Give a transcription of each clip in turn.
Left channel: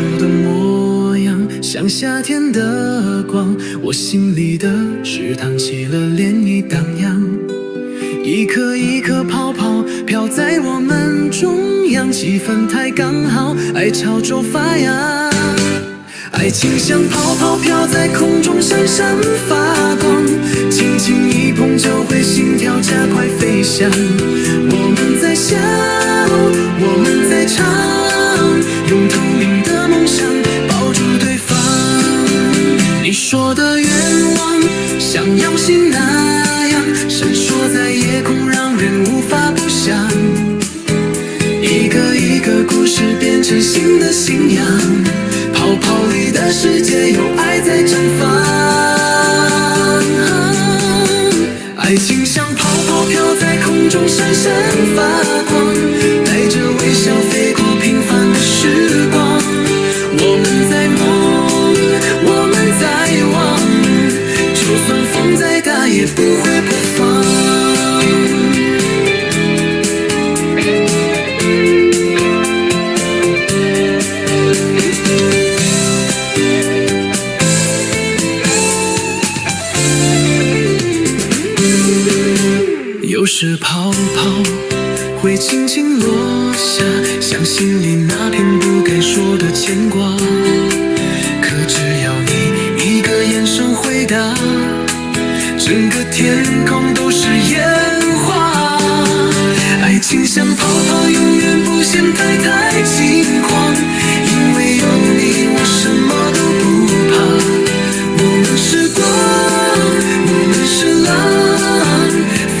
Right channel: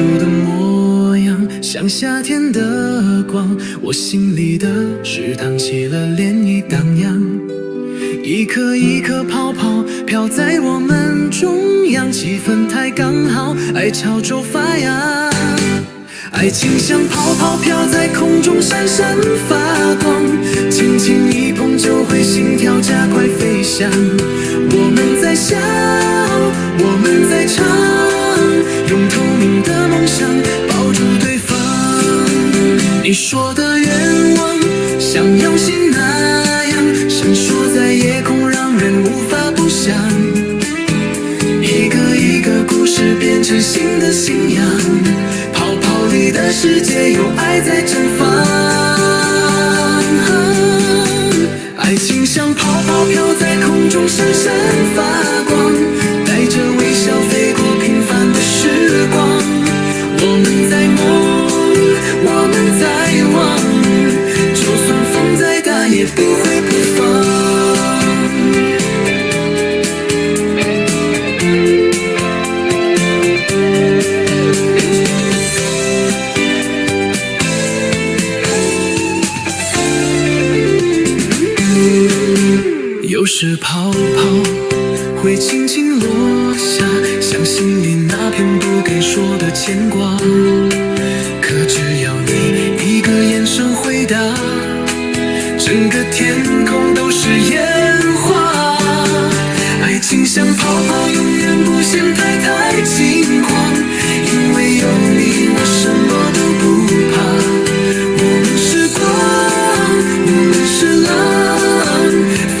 住的模样，像夏天的光，我心里的池塘起了涟漪荡漾，一颗一颗泡泡飘在我们中央，气氛太刚好，爱潮州发芽。爱情像泡泡飘在空中闪闪发光，轻轻一碰就会心跳加快飞翔。我们在笑，我们在唱，用透明的梦想抱住对方。你说的愿望像耀星那样闪烁在夜空，让人无法不想。一个一个故事变成新的信仰，泡泡里的世界有爱在绽放。爱情像泡泡飘在空中闪闪发光，带着微笑飞过平凡的时光。我们在梦，我们在望，就算风再大也不会破防。有时泡泡会轻轻落下，像心里那片不该说的牵挂。可只要你一个眼神回答，整个天空都是烟花。爱情像泡泡，永远不嫌太轻狂，因为有你我什么都不怕。我们是光，我们是浪，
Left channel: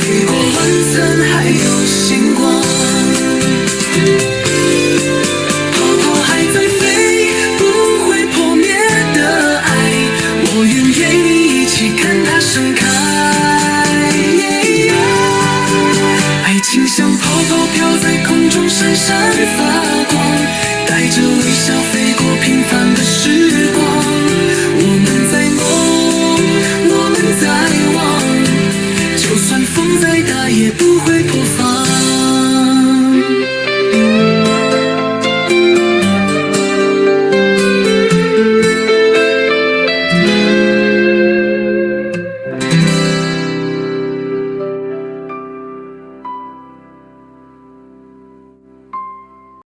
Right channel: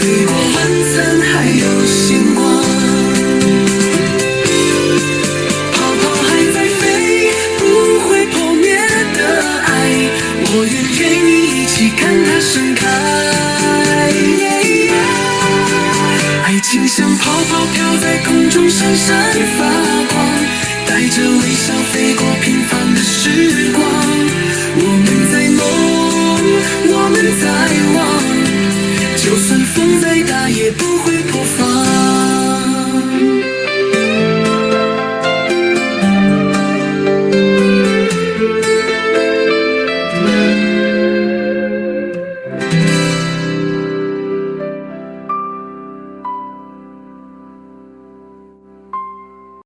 飞过晚餐还有星光。泡泡还在飞，不会破灭的爱，我愿陪你一起看它盛开。爱情像泡泡飘在空中闪闪发光，带着微笑飞过平凡的时光。我们在梦，我们在望，就算风再大也不会破防。